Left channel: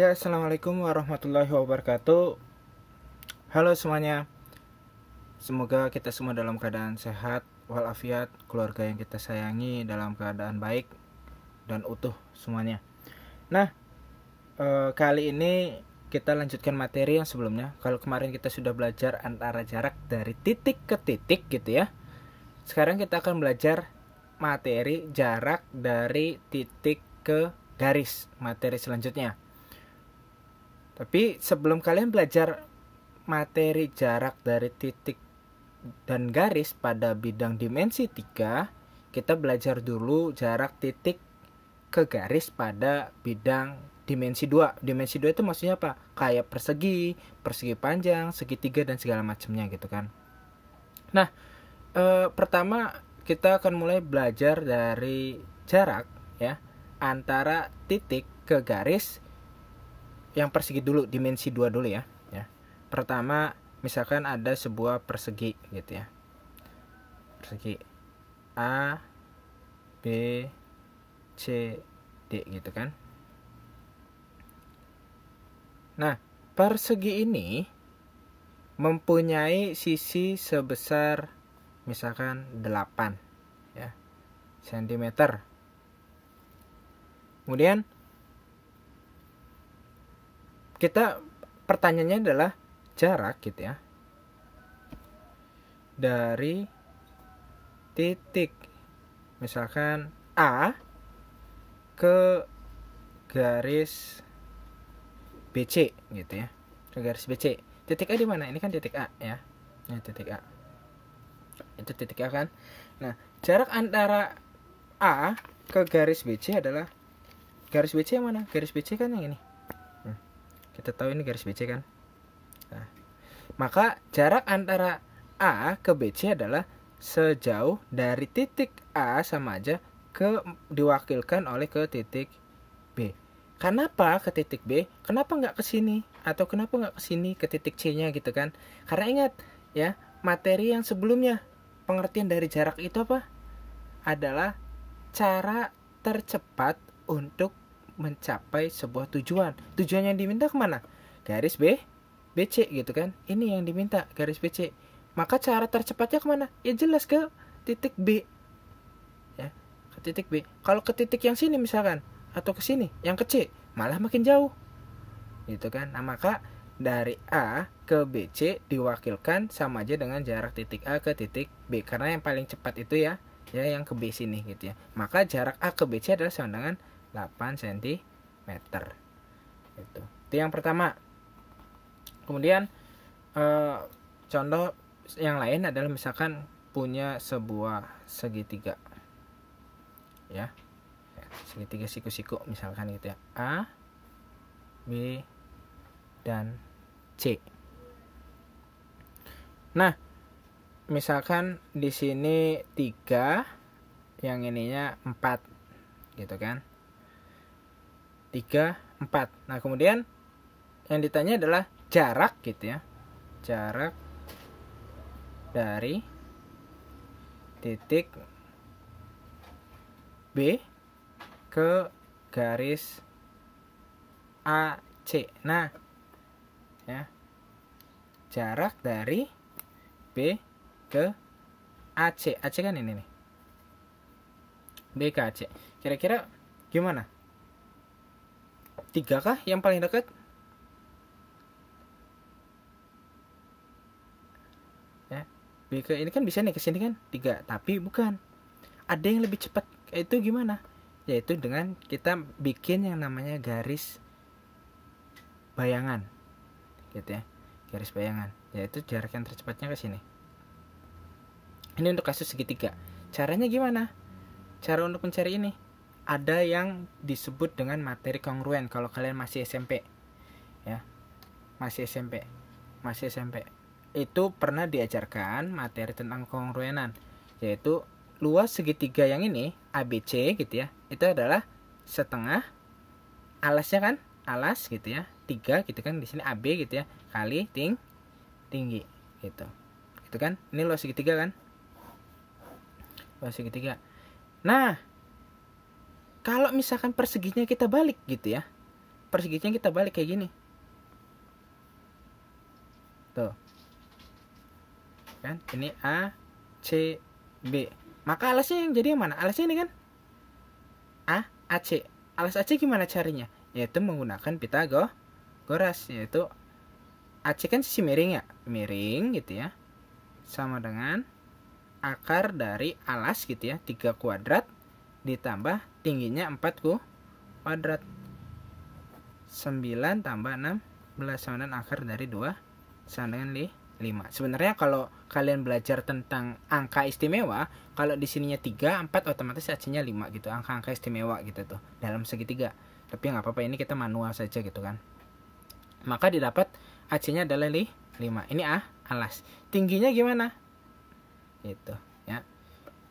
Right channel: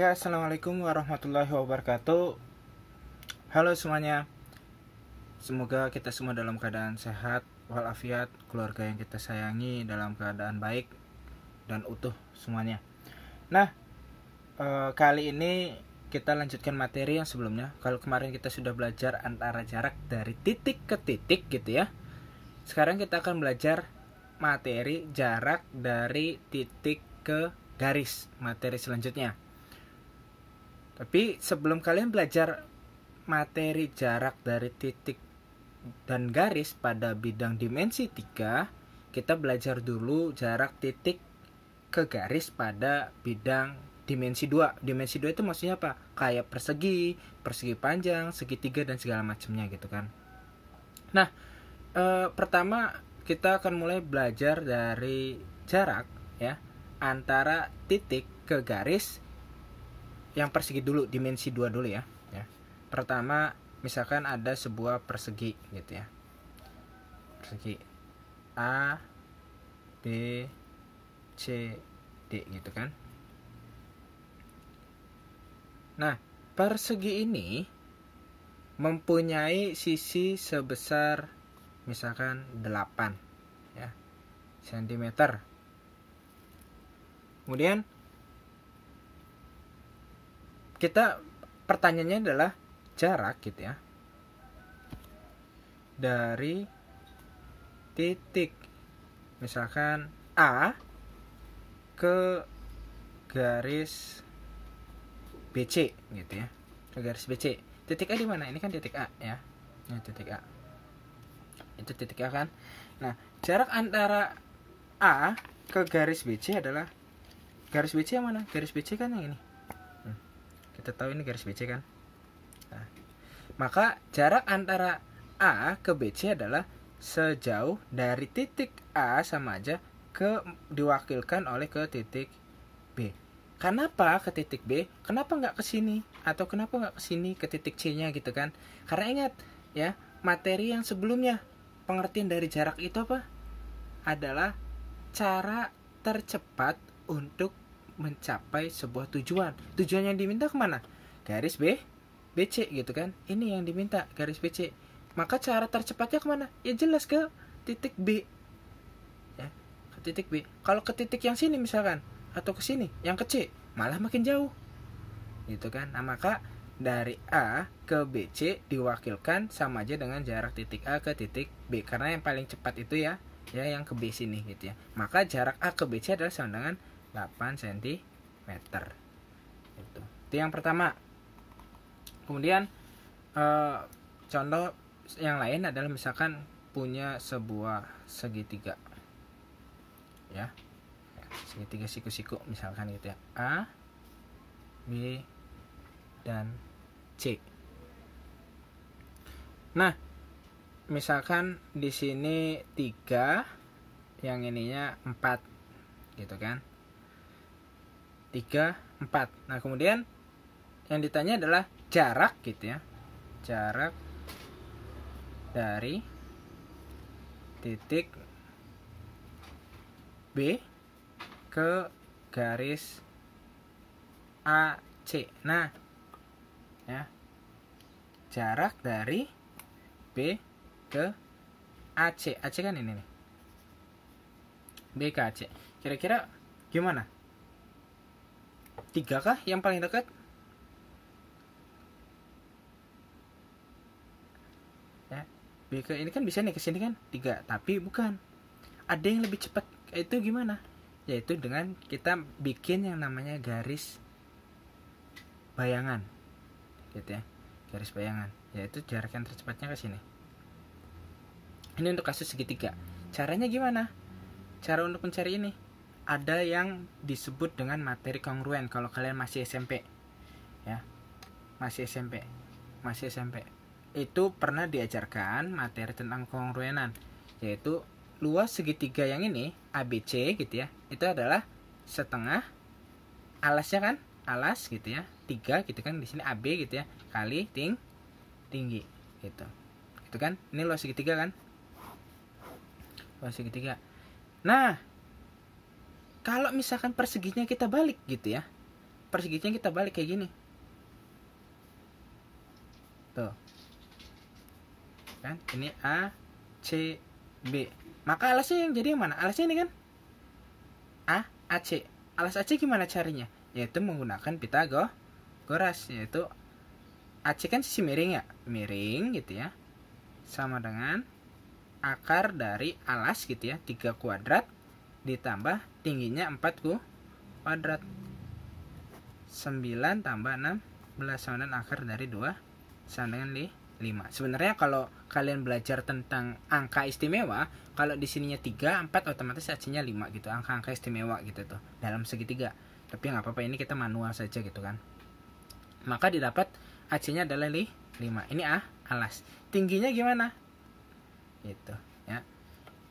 Ya, assalamualaikum warahmatullahi wabarakatuh. Halo semuanya. Semoga kita semua dalam keadaan sehat walafiat, keluarga yang kita sayangi dalam keadaan baik dan utuh semuanya. Nah, kali ini kita lanjutkan materi yang sebelumnya. Kalau kemarin kita sudah belajar antara jarak dari titik ke titik gitu ya. Sekarang kita akan belajar materi jarak dari titik ke garis, materi selanjutnya. Tapi sebelum kalian belajar materi jarak dari titik dan garis pada bidang dimensi 3, kita belajar dulu jarak titik ke garis pada bidang dimensi 2. Dimensi 2 itu maksudnya apa? Kayak persegi, persegi panjang, segitiga dan segala macamnya gitu kan. Nah, pertama kita akan mulai belajar dari jarak ya antara titik ke garis yang persegi dulu, dimensi 2 dulu ya. Pertama, misalkan ada sebuah persegi gitu ya. Persegi A, B, C, D gitu kan. Nah, persegi ini mempunyai sisi sebesar misalkan 8 ya, cm. Kemudian kita pertanyaannya adalah jarak gitu ya dari titik misalkan A ke garis BC gitu ya, ke garis BC. Titik A di mana? Ini kan titik A ya. Ini titik A. Itu titik A kan. Nah, jarak antara A ke garis BC adalah, garis BC yang mana? Garis BC kan yang ini. Kita tahu ini garis BC kan. Nah, maka jarak antara A ke BC adalah sejauh dari titik A sama aja ke diwakilkan oleh ke titik B. Kenapa ke titik B? Kenapa nggak ke sini? Atau kenapa nggak ke sini ke titik C-nya gitu kan? Karena ingat ya, materi yang sebelumnya, pengertian dari jarak itu apa? Adalah cara tercepat untuk mencapai sebuah tujuan. Tujuan yang diminta kemana? Garis B, BC gitu kan. Ini yang diminta, garis BC. Maka cara tercepatnya kemana? Ya jelas ke titik B ya, ke titik B. Kalau ke titik yang sini misalkan, atau ke sini yang ke C, malah makin jauh gitu kan. Nah, maka dari A ke BC diwakilkan sama aja dengan jarak titik A ke titik B, karena yang paling cepat itu ya yang ke B sini gitu ya. Maka jarak A ke BC adalah sama dengan 8 cm. Itu yang pertama. Kemudian contoh yang lain adalah misalkan punya sebuah segitiga ya, segitiga siku-siku misalkan gitu ya, A, B, dan C. Nah, misalkan di sini 3, yang ininya 4 gitu kan. 3, 4. Nah, kemudian yang ditanya adalah jarak gitu ya. Jarak dari titik B ke garis AC. Nah, ya. Jarak dari B ke AC. AC kan ini nih. B ke AC. Kira-kira gimana? 3 kah yang paling dekat? Ya, B ke ini kan bisa nih ke sini kan 3, tapi bukan. Ada yang lebih cepat. Itu gimana? Yaitu dengan kita bikin yang namanya garis bayangan. Gitu ya. Garis bayangan, yaitu jarak yang tercepatnya ke sini. Ini untuk kasus segitiga. Caranya gimana? Cara untuk mencari ini ada yang disebut dengan materi kongruen kalau kalian masih SMP ya, masih SMP itu pernah diajarkan materi tentang kongruenan, yaitu luas segitiga yang ini ABC gitu ya, itu adalah setengah alasnya kan, alas gitu ya, 3 gitu kan, di sini AB gitu ya, kali tinggi gitu. Itu kan, ini luas segitiga kan, luas segitiga. Nah, kalau misalkan perseginya kita balik gitu ya, perseginya kita balik kayak gini. Tuh. Kan ini A, C, B. Maka alasnya yang jadi yang mana? Alasnya ini kan A, AC. Alas AC gimana carinya? Yaitu menggunakan Pitagoras, yaitu AC kan sisi miring ya, miring gitu ya, sama dengan akar dari alas gitu ya, 3 kuadrat ditambah tingginya 4 kuadrat. 9 tambah 16 sama dengan akar dari 2 sama dengan 5. Sebenarnya kalau kalian belajar tentang angka istimewa, kalau di sininya 3, 4 otomatis AC-nya 5 gitu, angka-angka istimewa gitu tuh dalam segitiga. Tapi nggak apa-apa, ini kita manual saja gitu kan. Maka didapat AC-nya adalah 5. Ini A, alas. Tingginya gimana? Itu ya.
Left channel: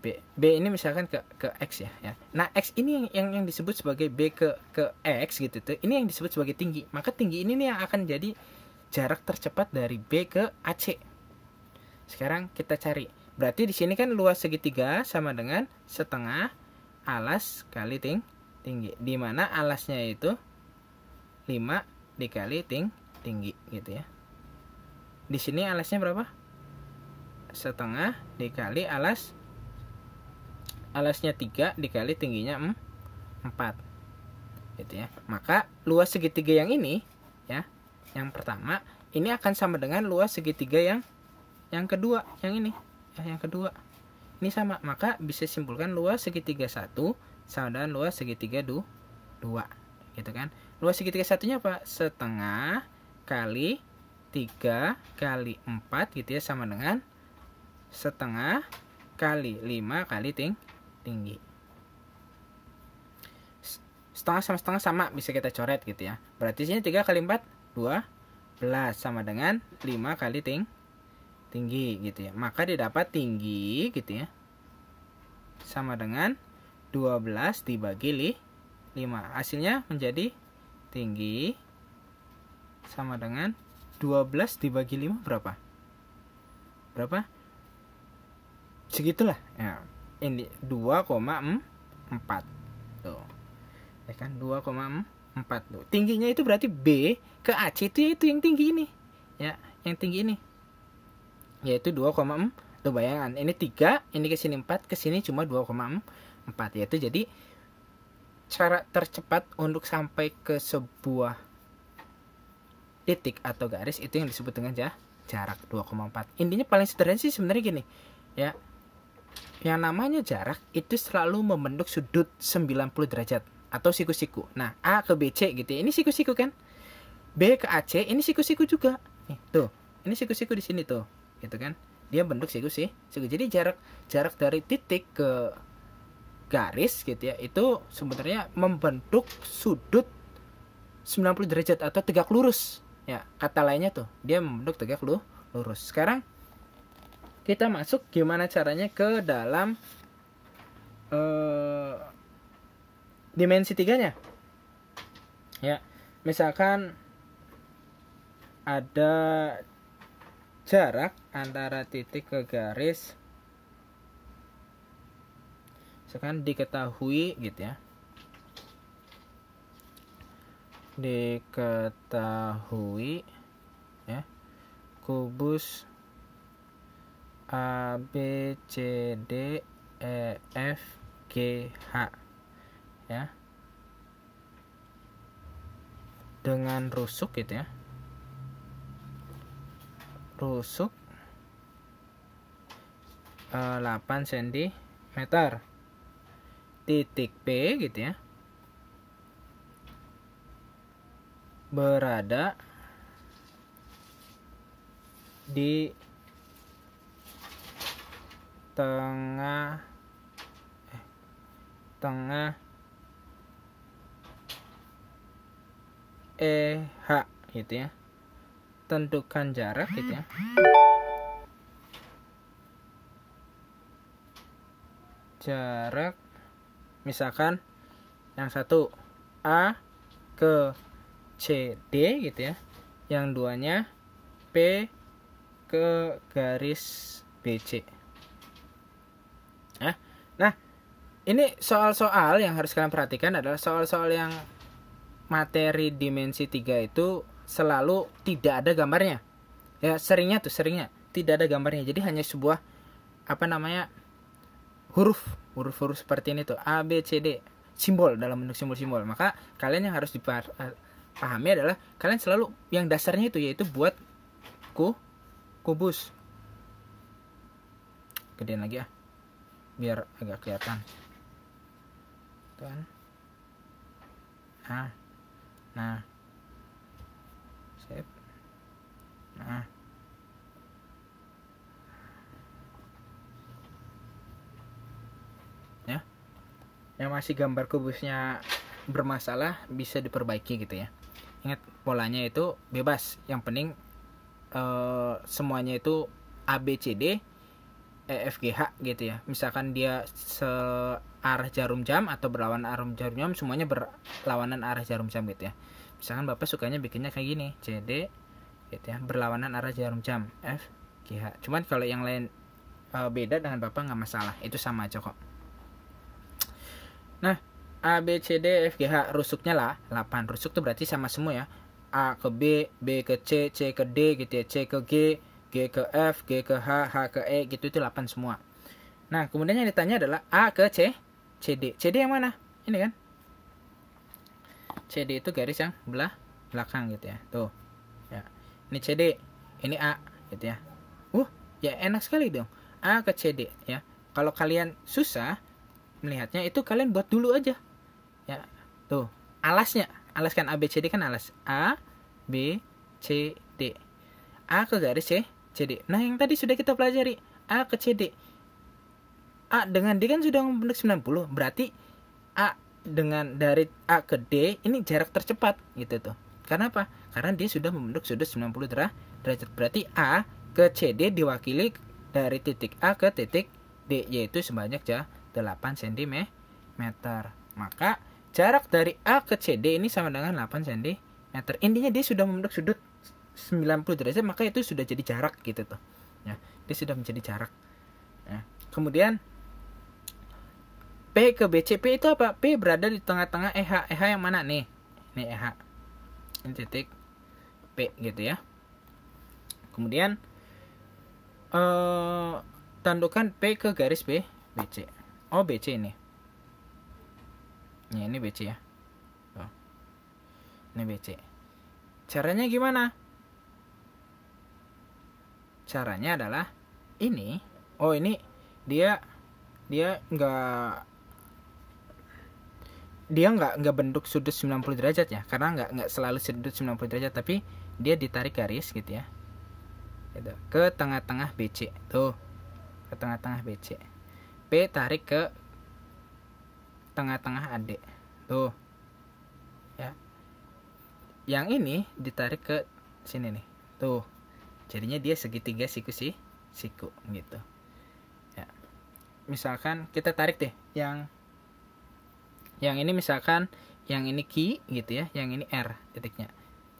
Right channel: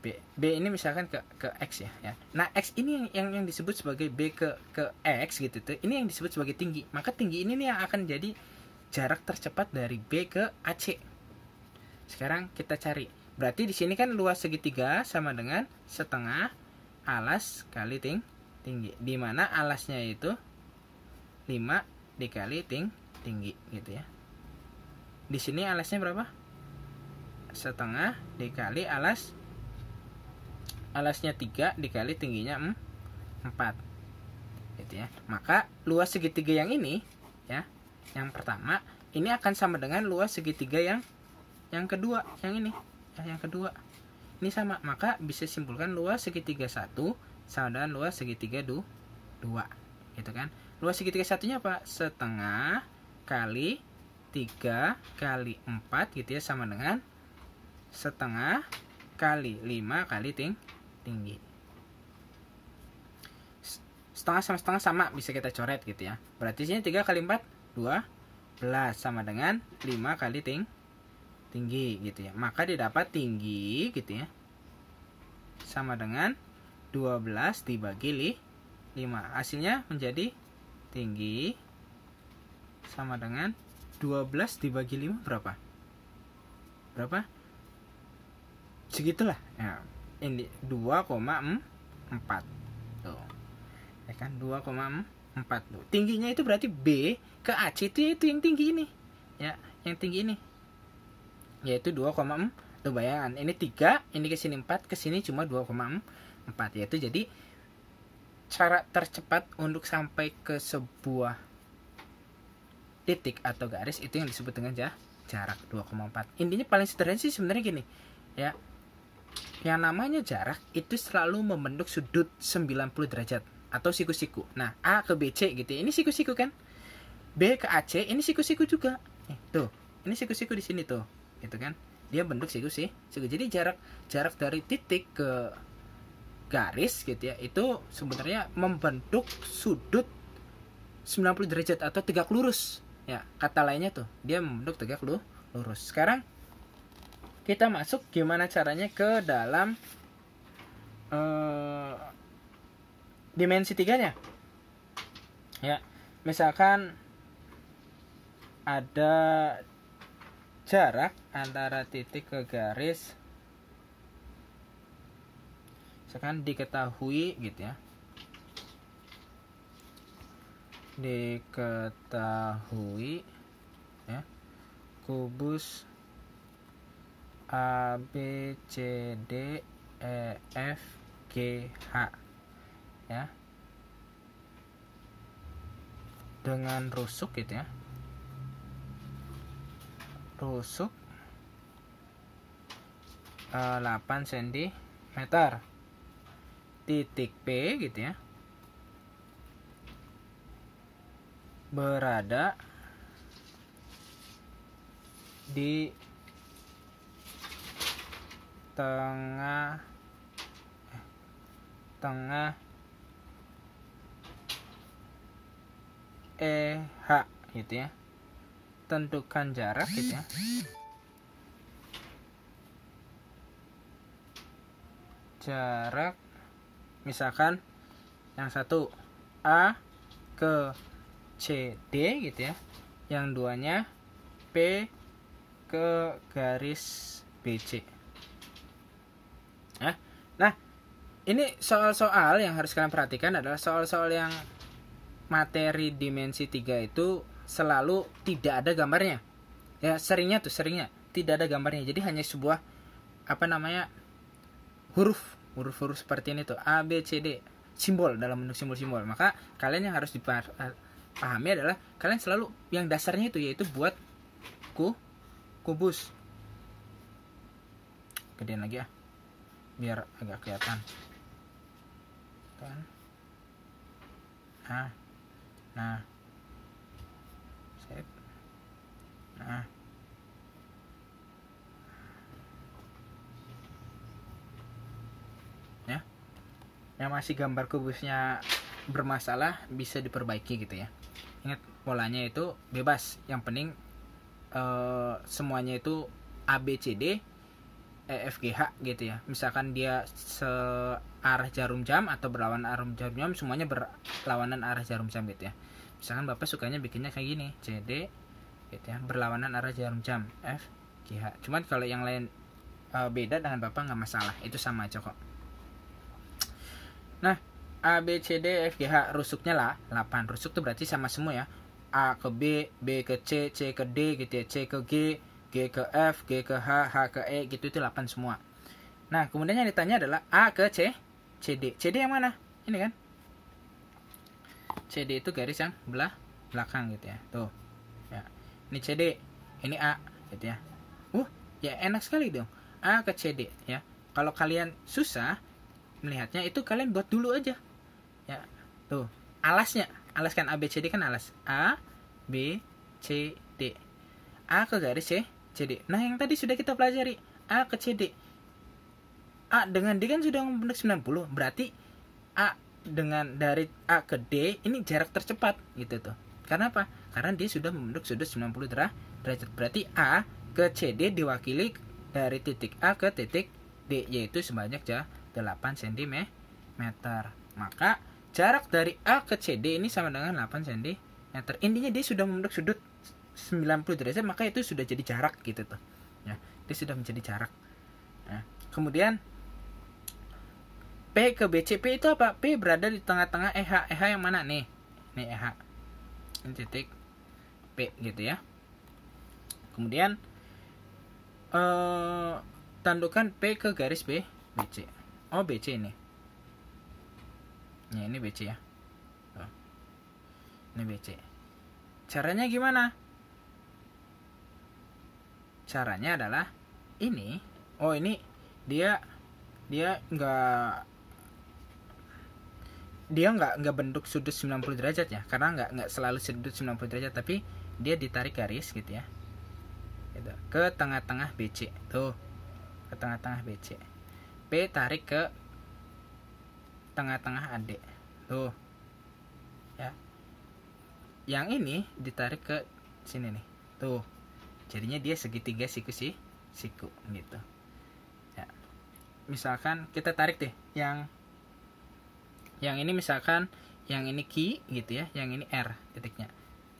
B ini misalkan ke X ya. Nah, X ini yang disebut sebagai B ke X gitu tuh. Ini yang disebut sebagai tinggi. Maka tinggi ini nih yang akan jadi jarak tercepat dari B ke AC. Sekarang kita cari. Berarti di sini kan luas segitiga sama dengan setengah alas kali tinggi. Di mana alasnya itu 5 dikali tinggi gitu ya. Di sini alasnya berapa? Setengah dikali alasnya 3 dikali tingginya 4 gitu ya. Maka luas segitiga yang ini ya, yang pertama ini akan sama dengan luas segitiga yang kedua, yang ini ya, yang kedua ini sama. Maka bisa simpulkan luas segitiga 1 sama dengan luas segitiga 2 gitu kan. Luas segitiga satunya apa? Setengah kali 3 kali 4 gitu ya, sama dengan setengah kali 5 kali tinggi. Setengah sama setengah sama, bisa kita coret gitu ya. Berarti sini 3 kali 4 12 sama dengan 5 kali tinggi gitu ya. Maka didapat tinggi gitu ya sama dengan 12 dibagi 5. Hasilnya menjadi tinggi sama dengan 12 dibagi 5 berapa? Segitulah ya. Ini 2,4 tuh ya kan, 2,4 tuh. Tingginya itu berarti B ke AC itu yang tinggi ini ya, yang tinggi ini yaitu 2,4 tuh. Bayangan ini 3, ini ke sini 4, ke sini cuma 2,4, yaitu jadi cara tercepat untuk sampai ke sebuah titik atau garis itu yang disebut dengan jarak 2,4. Intinya paling sederhana sih sebenarnya gini ya. Yang namanya jarak itu selalu membentuk sudut 90 derajat atau siku-siku. Nah, A ke BC gitu ya. Ini siku-siku kan. B ke AC ini siku-siku juga. Nih, tuh. Ini siku-siku di sini tuh. Gitu kan. Dia bentuk siku-siku. Jadi jarak dari titik ke garis gitu ya, itu sebenarnya membentuk sudut 90 derajat atau tegak lurus. Ya, kata lainnya tuh, dia membentuk tegak lurus. Sekarang kita masuk gimana caranya ke dalam dimensi 3-nya. Ya, misalkan ada jarak antara titik ke garis, misalkan diketahui gitu ya. Diketahui ya, kubus A, B, C, D, E, F, G, H ya, dengan rusuk gitu ya, rusuk 8 cm, titik P gitu ya berada di tengah EH gitu ya. Tentukan jarak gitu ya. Jarak misalkan yang satu A ke CD gitu ya. Yang duanya P ke garis BC. Nah, ini soal-soal yang harus kalian perhatikan adalah soal-soal yang materi dimensi 3 itu selalu tidak ada gambarnya. Ya, seringnya tidak ada gambarnya. Jadi hanya sebuah huruf seperti ini tuh, A B C D, simbol dalam bentuk simbol-simbol. Maka kalian yang harus dipahami adalah kalian selalu yang dasarnya itu yaitu buat kubus. Gedein lagi biar agak kelihatan kan. Nah sip. Ya, yang masih gambar kubusnya bermasalah bisa diperbaiki gitu ya. Ingat, polanya itu bebas, yang penting semuanya itu A B C D E F G H gitu ya. Misalkan dia searah jarum jam atau berlawanan arah jarum jam, semuanya berlawanan arah jarum jam gitu ya. Misalkan Bapak sukanya bikinnya kayak gini, C D gitu ya, berlawanan arah jarum jam, F G H. Cuman kalau yang lain beda dengan Bapak nggak masalah, itu sama aja kok. Nah, A B C D F G H rusuknya lah 8. Rusuk tuh berarti sama semua ya. A ke B, B ke C, C ke D gitu ya, C ke G, G ke F, G ke H, H ke E gitu, itu 8 semua. Nah, kemudian yang ditanya adalah A ke C, CD. CD yang mana? Ini kan. CD itu garis yang belakang gitu ya. Tuh. Ya. Ini CD, ini A gitu ya. Ya enak sekali dong. A ke CD ya. Kalau kalian susah melihatnya, itu kalian buat dulu aja. Ya. Tuh, alasnya. Alas kan A B C D kan alas. A B C D. A ke garis C, CD. Nah, yang tadi sudah kita pelajari, A ke CD. A dengan D kan sudah membentuk 90. Berarti A dengan dari A ke D ini jarak tercepat gitu tuh. Karena apa? Karena dia sudah membentuk sudut 90 derajat. Berarti A ke CD diwakili dari titik A ke titik D, yaitu sebanyak 8 cm. Maka jarak dari A ke CD ini sama dengan 8 cm. Intinya dia sudah membentuk sudut 90 derajat, maka itu sudah jadi jarak gitu tuh. Ya, dia sudah menjadi jarak. Ya. Kemudian P ke BC. P itu apa? P berada di tengah-tengah EH. EH yang mana nih? Nih EH. Ini titik P gitu ya. Kemudian tandukan P ke garis B, BC. Oh, BC ini. Ini BC ya. Ini BC. Caranya gimana? Caranya adalah ini. Oh, ini dia nggak bentuk sudut 90 derajat ya, karena nggak selalu sudut 90 derajat, tapi dia ditarik garis gitu ya, gitu, ke tengah-tengah BC tuh, ke tengah-tengah BC. P tarik ke tengah-tengah AD tuh ya, yang ini ditarik ke sini nih tuh, jadinya dia segitiga siku gitu ya. Misalkan kita tarik deh yang ini, misalkan yang ini Q gitu ya, yang ini R titiknya,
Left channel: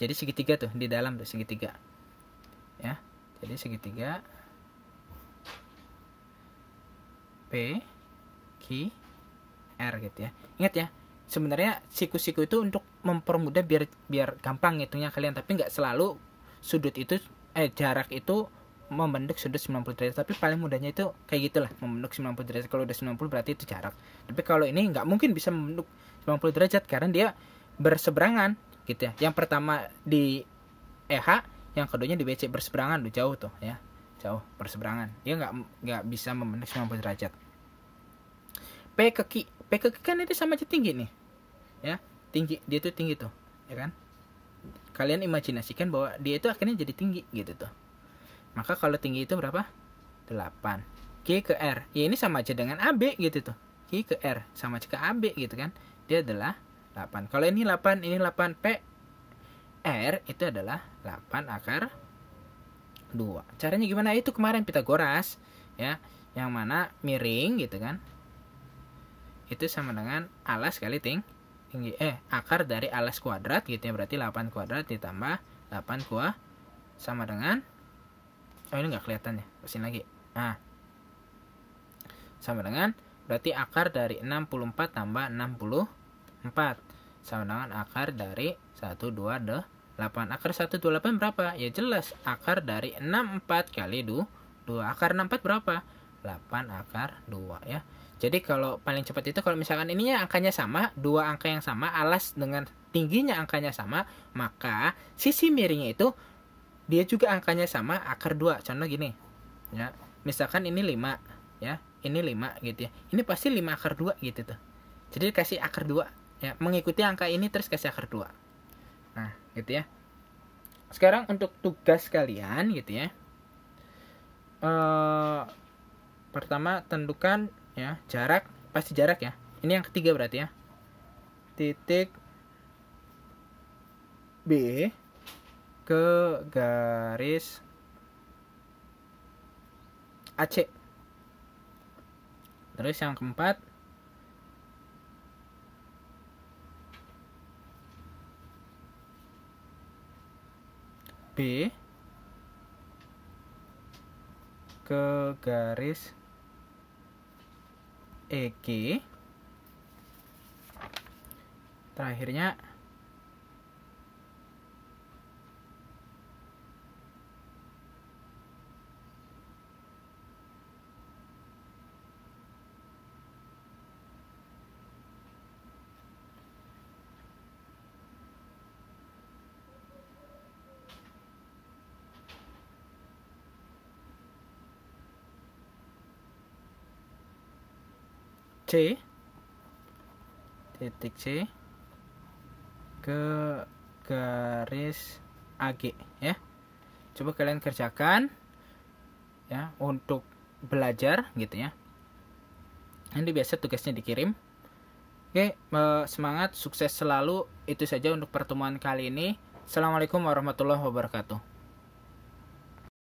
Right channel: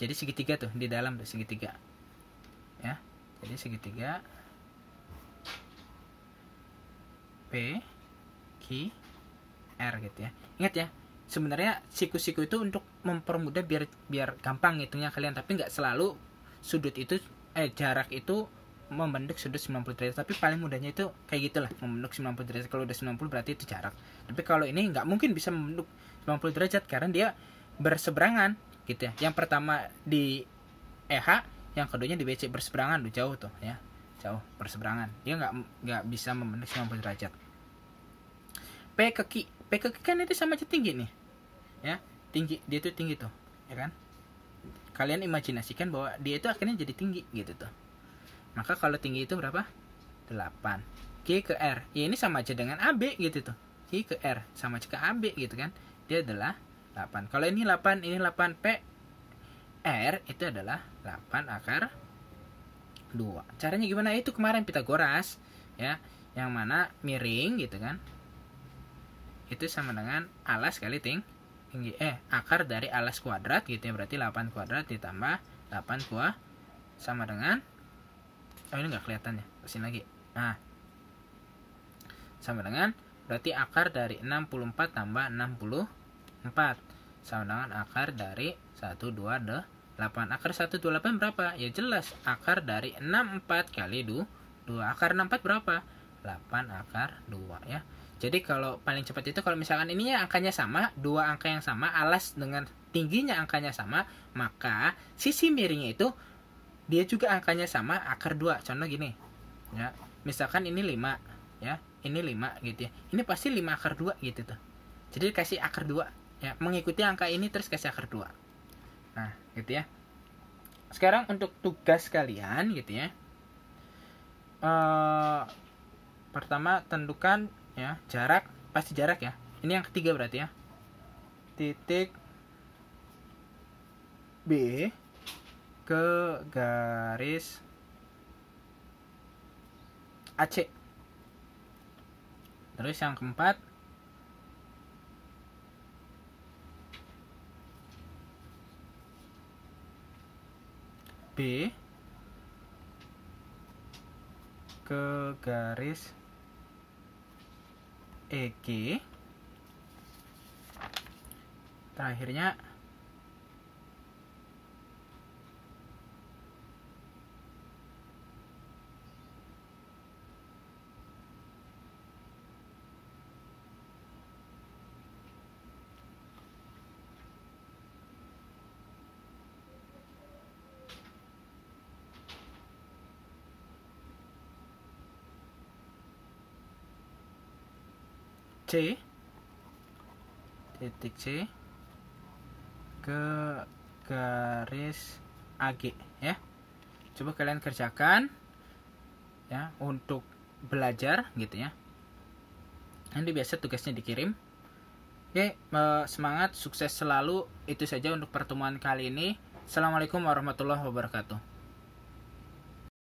jadi segitiga tuh di dalam tuh segitiga ya, jadi segitiga P Q R gitu ya. Ingat ya, sebenarnya siku-siku itu untuk mempermudah biar gampang ngitungnya kalian, tapi nggak selalu sudut itu jarak itu membentuk sudut 90 derajat, tapi paling mudahnya itu kayak gitulah, membentuk 90 derajat. Kalau udah 90 berarti itu jarak. Tapi kalau ini nggak mungkin bisa membentuk 90 derajat karena dia berseberangan gitu ya. Yang pertama di EH, yang keduanya di BC, berseberangan tuh, jauh tuh ya, jauh berseberangan. Dia nggak bisa membentuk 90 derajat. P ke Q kan itu sama aja tinggi nih ya, tinggi, dia itu tinggi tuh ya kan. Kalian imajinasikan bahwa dia itu akhirnya jadi tinggi gitu tuh. Maka kalau tinggi itu berapa? 8. Q ke R, ya ini sama aja dengan AB gitu tuh. Q ke R sama aja ke AB gitu kan. Dia adalah 8. Kalau ini 8, ini 8. P R itu adalah 8 akar 2. Caranya gimana? Itu kemarin Pitagoras ya, yang mana miring gitu kan, itu sama dengan alas kali tinggi akar dari alas kuadrat gitu ya, berarti 8 kuadrat ditambah 8 kuadrat sama dengan, oh ini nggak kelihatan ya, kesini lagi. Nah, sama dengan, berarti akar dari 64 tambah 64 sama dengan akar dari 128. Akar 128 berapa? Ya jelas, akar dari 64 kali 2. Akar 64 berapa? 8 akar 2 ya. Jadi kalau paling cepat itu kalau misalkan ininya angkanya sama, dua angka yang sama, alas dengan tingginya angkanya sama, maka sisi miringnya itu dia juga angkanya sama, akar 2. Contoh gini. Ya. Misalkan ini 5 ya. Ini 5 gitu ya. Ini pasti 5 akar 2 gitu tuh. Jadi kasih akar 2 ya, mengikuti angka ini terus kasih akar 2. Nah, gitu ya. Sekarang untuk tugas kalian gitu ya. Pertama tentukan ya jarak, pasti jarak ya. Ini yang ketiga berarti ya. Titik B ke garis AC. Terus yang keempat B ke garis EG. Terakhirnya C, titik C ke garis AG ya. Coba kalian kerjakan ya untuk belajar gitu ya. Nanti biasa tugasnya dikirim. Oke, semangat, sukses selalu. Itu saja untuk pertemuan kali ini. Assalamualaikum warahmatullahi wabarakatuh.